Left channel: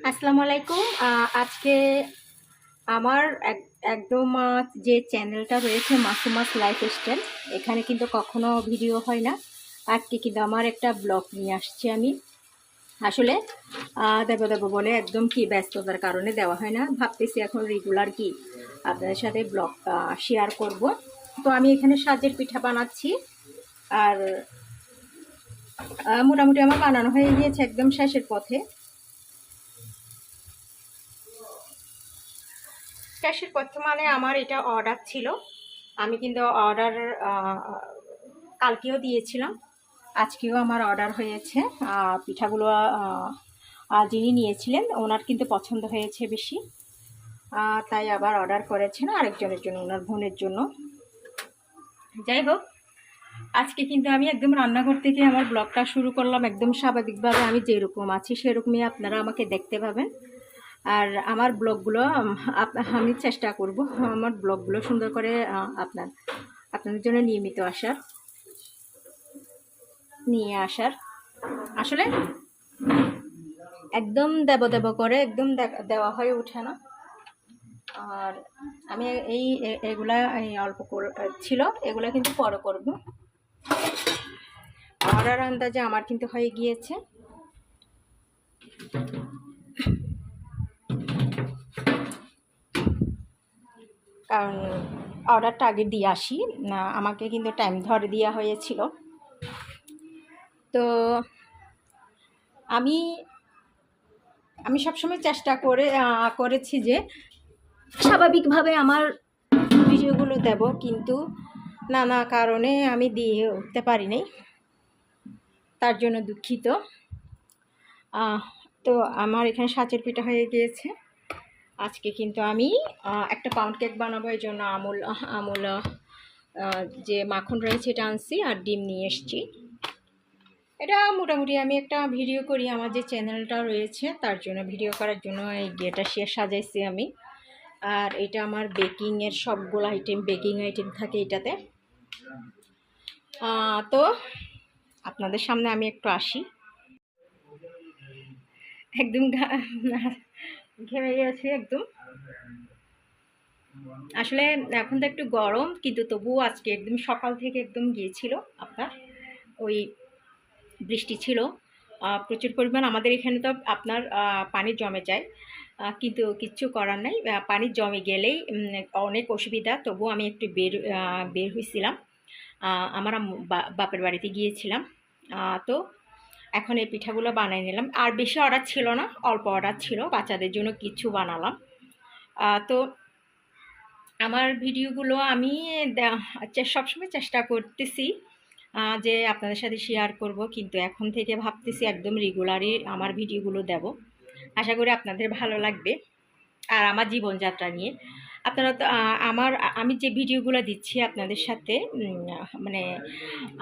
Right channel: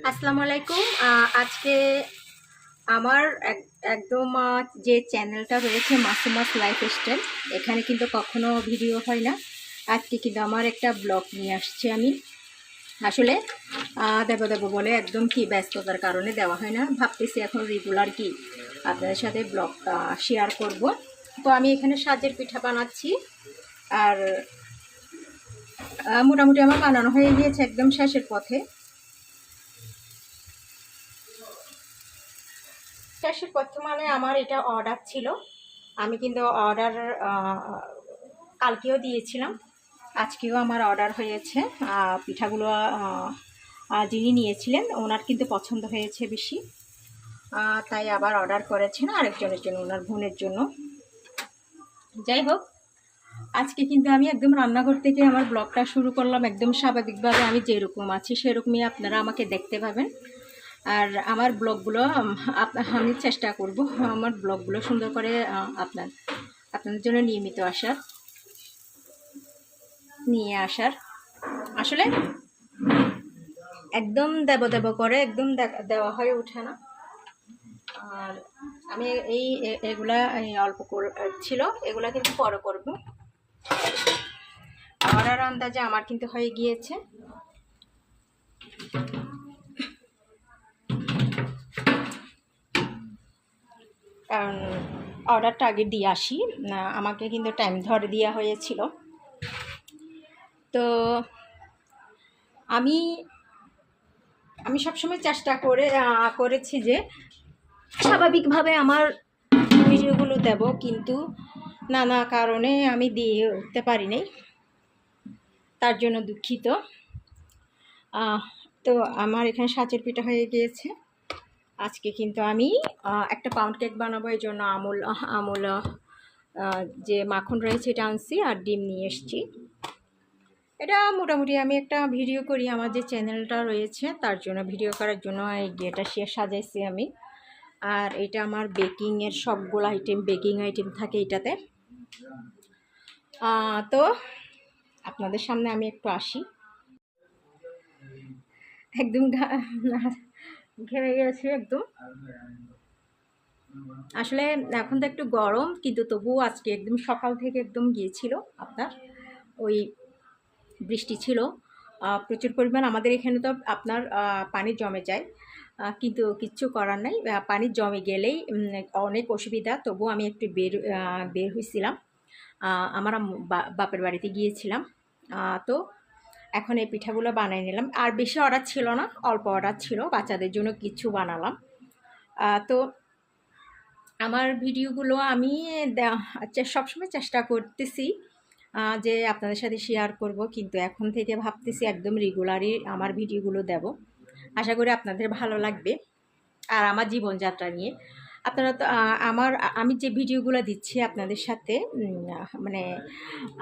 আসসালামু আলাইকুম। আজকে আমার একদম যে চ্যানেলটা রয়েছে মাসুমাস লাইফস্টাইল, এখানে কিন্তু কখনো ভিডিও হয় না। আজকে কিন্তু আমার একটা ব্লগ নিয়ে আসছি আমি। আসলে দেব বলে একদম কি ব্যস্ততার কারণে দেওয়া হয় না। ভাবতেছি এখন রেগুলার কি আপনাদের সাথে ব্লগটা শেয়ার করব। তো আমি এখানে সাজের পিঠা বানাচ্ছি। আর মোটামুটি আমার বানানো হয়ে গিয়েছে, একদম শেষের পথে। শেষের পথে মানে আমার এটা অর্ডার ছিল। আমি কিন্তু অর্ডার কালকেও দিয়েছিলাম, আজকেও আমার অর্ডার হয়েছে। পিঠাগুলো যিনি নিয়েছিলেন ওনার কিন্তু পছন্দ হয়েছে বেশি, তাই আবার অর্ডার করেছেন আরেকজনের জন্য, ওনার বোনের জন্য। যাই হোক, আজকে কিন্তু আমি একদম রান্নাঘর থেকে আমার ব্লগটা শুরু করলাম। একদম স্বাভাবিকভাবে আমি যেরকম আছি সেরকমই আপনারা আমাকে দেখতে পাবেন। আর আমার ব্লগগুলো আমি চেষ্টা করব আমার ব্লগগুলো সুন্দর করে আপনাদের জন্য নিয়ে আসার। আসলে একদম দেব করে একদম দেওয়া হয়ে ওঠে না। আর আমি এগুলা অল্প ছিল, এগুলা কিন্তু পরে করব। অর্ডার আন্দাজে আমার কিন্তু হয়ে গিয়েছে। কারণ অর্ডারটা আগে দিয়ে আসি, আমাকে কিন্তু টাইম ধরে দেওয়া হয়েছিল। তো আমি আমি সবসময় চেষ্টা করেছি যে স্বাভাবিকভাবে আমার ভিডিওগুলো দেব, কিন্তু নানা কারণে আমি দিয়ে উঠতে পারিনি, তার জন্য দুঃখিত। তো আমার এখানে সাজের পিঠা হয়ে গিয়েছে। আজকে কিন্তু আমি একটা পাউন্ড কেক বানাবো, এই জন্য আমুল যে মাখন রয়েছে এটা আনছি, আর ডিম নিয়ে এসছি। এটা মোটামুটি আমি একটা ভিডিও করি, আমার যে চ্যানেলটা রয়েছে তার জন্য, ভিডিও করার জন্য এই গেটা সাজাইছি আমি। আর এটা আমার বেকিংয়ের সবগুলো বেকিং আইটেম থাকে এটাতে। তো আপনাদের সামনে আমি একটু আসি। একদম ঘেমে গেছে একদম। আসলে এখন তো একটু গরম, কিন্তু তবুও আজকে একদম সকাল থেকে একদম গিয়েছিল আপনার ওই বৃষ্টি ছিল প্রচুর পরিমাণ। আমাদের এখানে তো আপনার পানি জমে যায়, কিন্তু কিচ্ছু করার নাই। পানি জমে গেলেই অনেক অসুবিধা। তবু আমি একটু বের হয়েছিলাম, আমার বাপের বাড়িতে গিয়েছিলাম। তো এখন এই পিঠাগুলো বানাই নিলাম। আর বেশি অর্ডার ছিল না, অল্প অর্ডার ছিল, বাচ্চাদের জন্য কিছু বানালাম। তো আমার ভিডিওগুলো আমি সবসময় চেষ্টা করতেছি যে আপনাদের সাথে শেয়ার করব, কিন্তু এখন থেকে ভাবতেছি একদম রেগুলারই আমার ভিডিওগুলো দেব। আশা করি আপনাদের ভালো লাগবে। আর আমার জীবনযাত্রা নিয়ে আপনারা তো আমি যে ভিডিওগুলো দিচ্ছি আপনাদের সাথে, মানে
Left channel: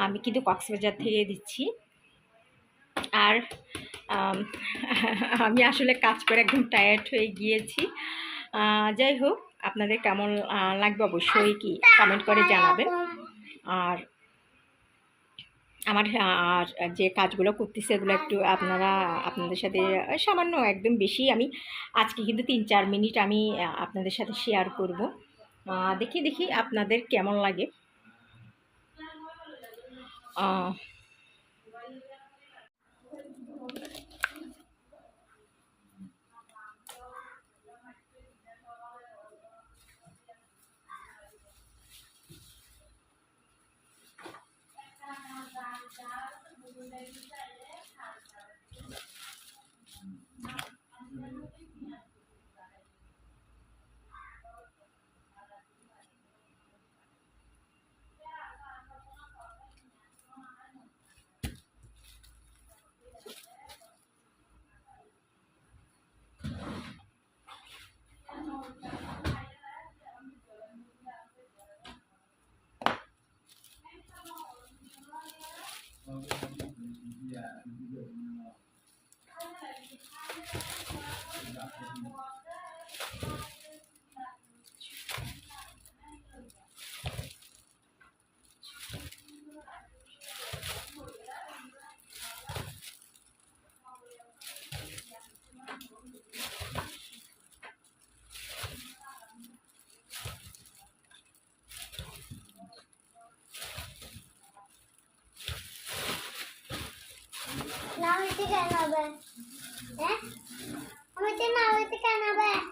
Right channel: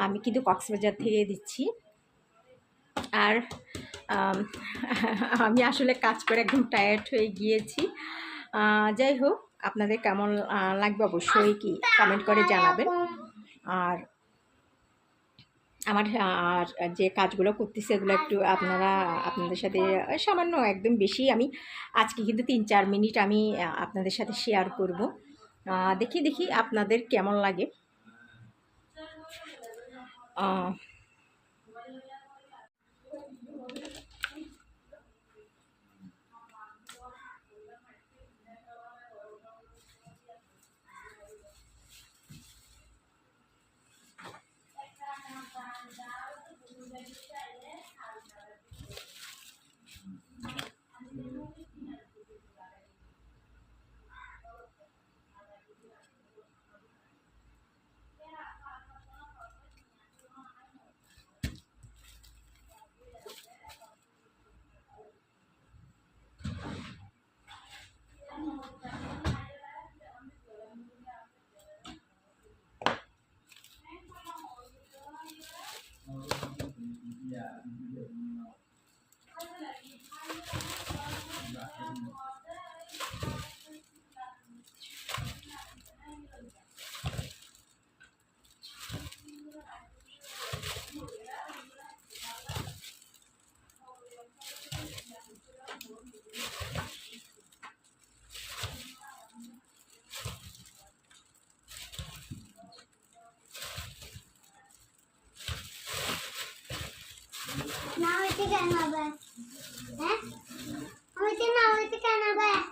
আমি কিন্তু কক্সবাজার থেকে দিচ্ছি। আর আমি আসলে কাজ করে একদম টায়ার্ড হয়ে গিয়েছি। যাই হোক, আপনাদের কেমন লাগবে অবশ্যই কি কমেন্ট করে জানাবেন। আর আমার যে কাজগুলো করতেছি এগুলো একটু আপনাদের সাথে সামান্য, একদম বেশি আমি আজকে কিন্তু 3-4 মিনিট আমি আপনাদের সাথে শেয়ার করব। দেখি আপনাদের কেমন লাগে।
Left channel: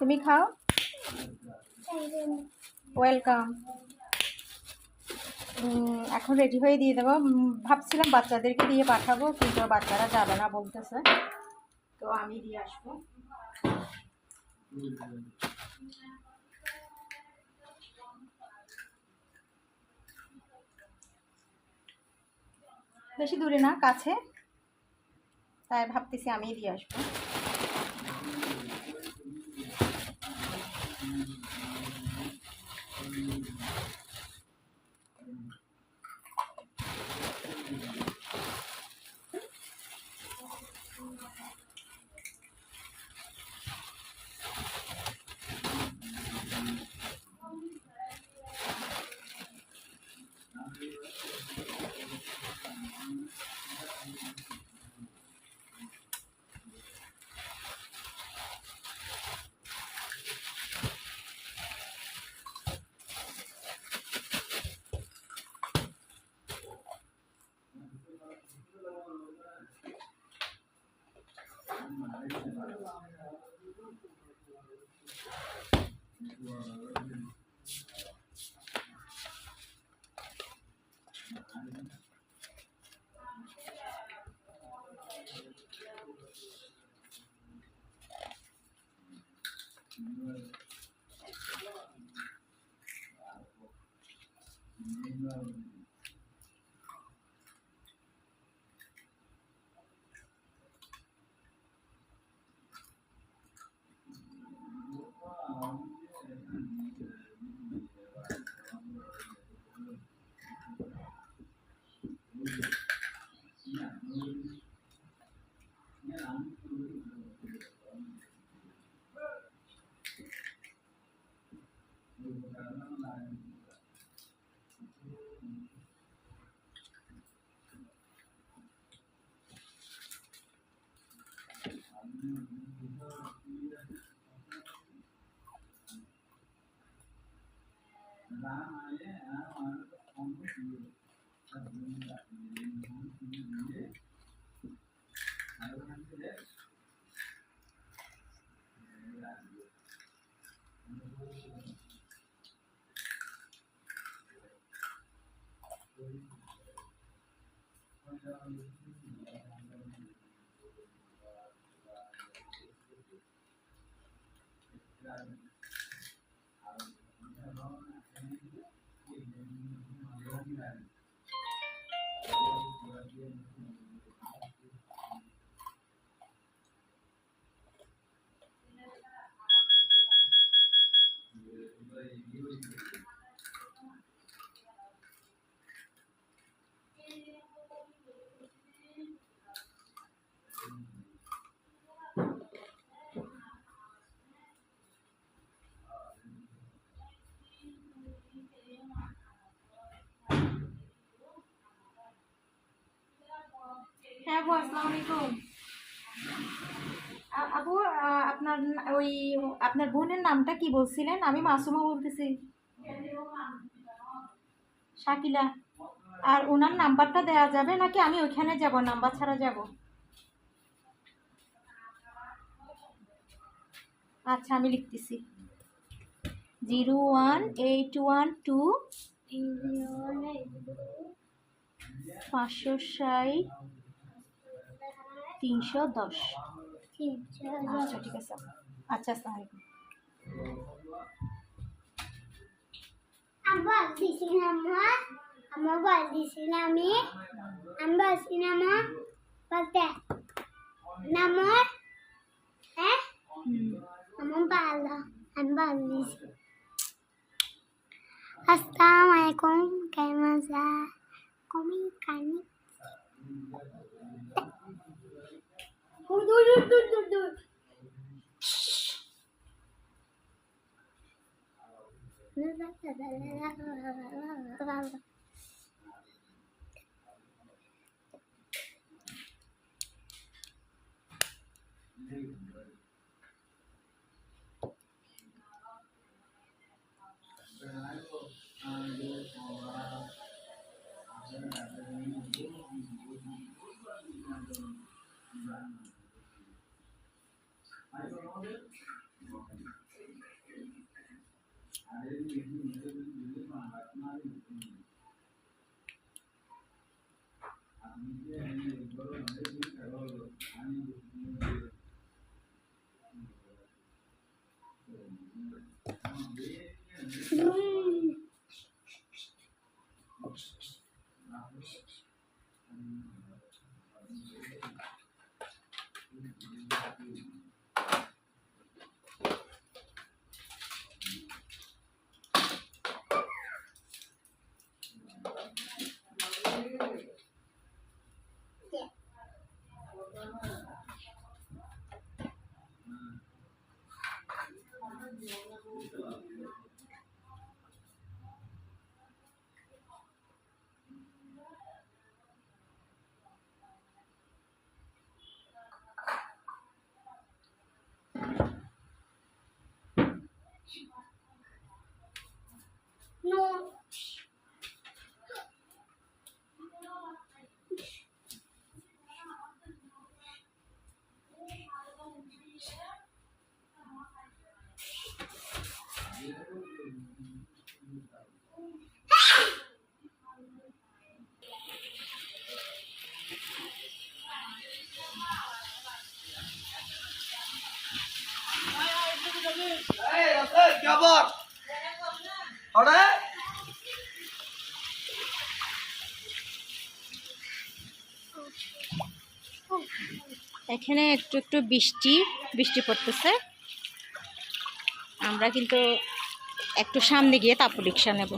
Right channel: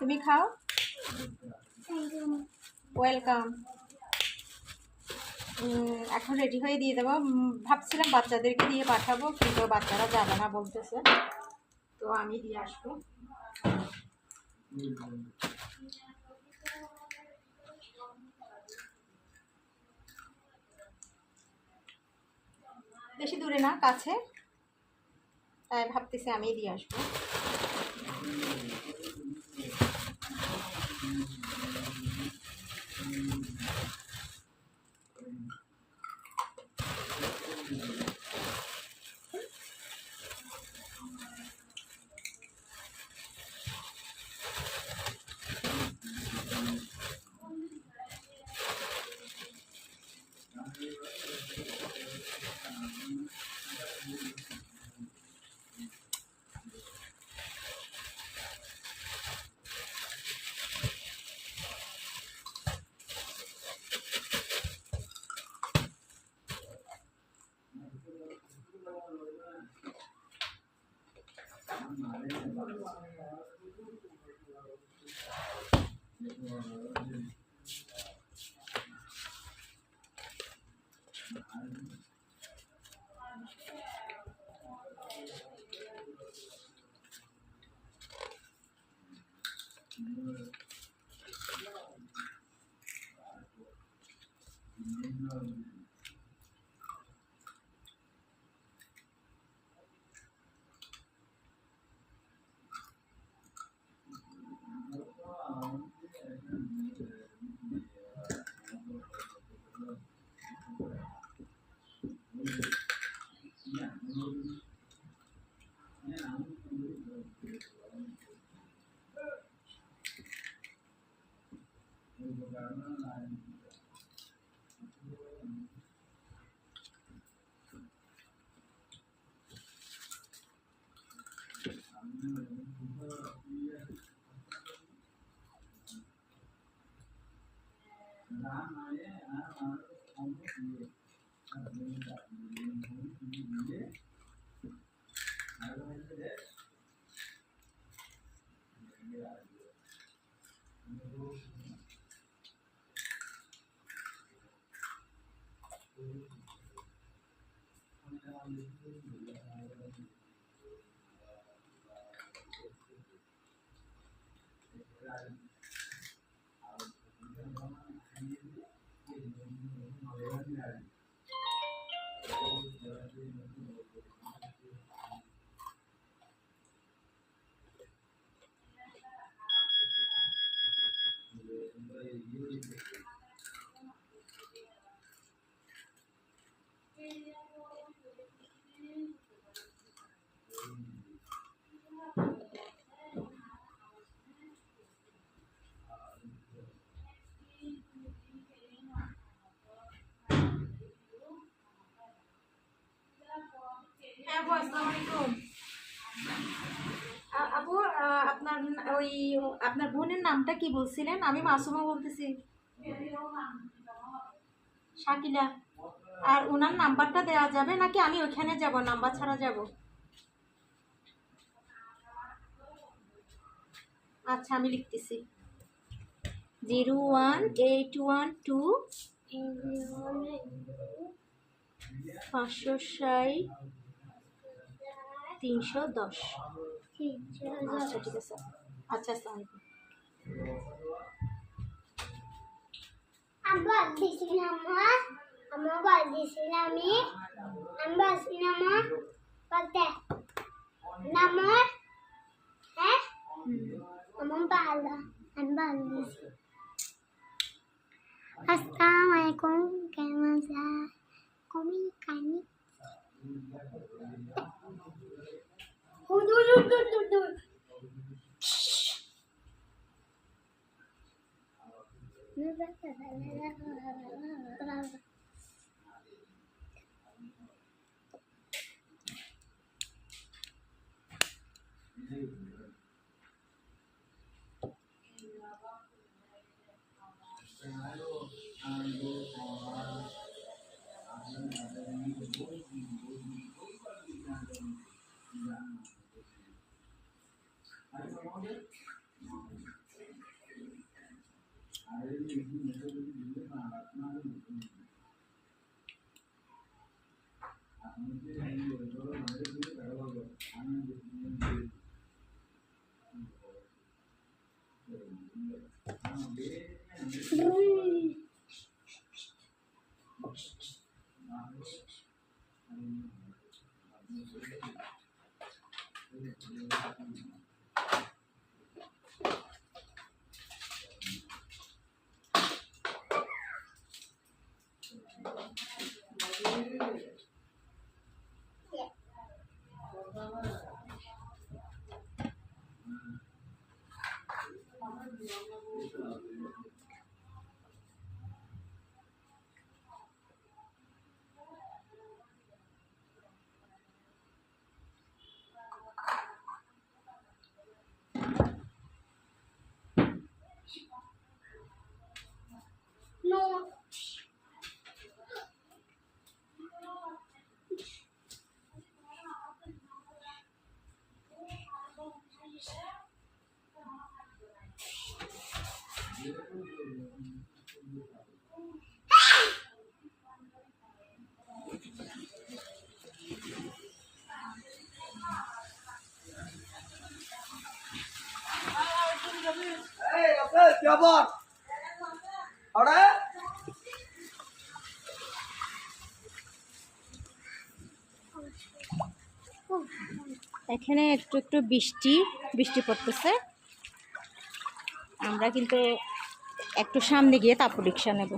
তুমি খাও। ওয়েলকাম। এখন রেডি হয়ে দিয়ে দেবো। ভাবছিলাম বাচ্চাদেরকে দিয়ে পাঠাবো, কিন্তু বাচ্চারা যাবে না বলতেছে, তো আমি দিয়ে আসবো। বেশি দূরে না, কাছে, তাই ভাবতেছি আমি দিয়ে আসবো। হ্যাঁ আপু, আসসালামু আলাইকুম। আপু, আপনার ওই আপনার বোনের নামটা কি বলছিলেন? আমি মাসুমা বলতেছি। শাকিলা। আর ওনার নাম্বারটা দেওয়া যাবে নাকি আমি ওইখানে যাব, নাম্বার ছাড়া যাব? আচ্ছা, আমি লিখতেছি। 01812 560 310। আচ্ছা ঠিক আছে। আচ্ছা, আসসালামু আলাইকুম। Ambal di sinama, ambal di sinami, ambal sinama, balte, nama, ambala, ambal di. Assalamualaikum, kaimasa, komi kani. Dur. No. क्या बात और এখানে একটু একটু বৃষ্টি বৃষ্টি পড়তেছে। আমরা কিন্তু একটু সামনে গিয়ে তারপর রিক্সা নেব।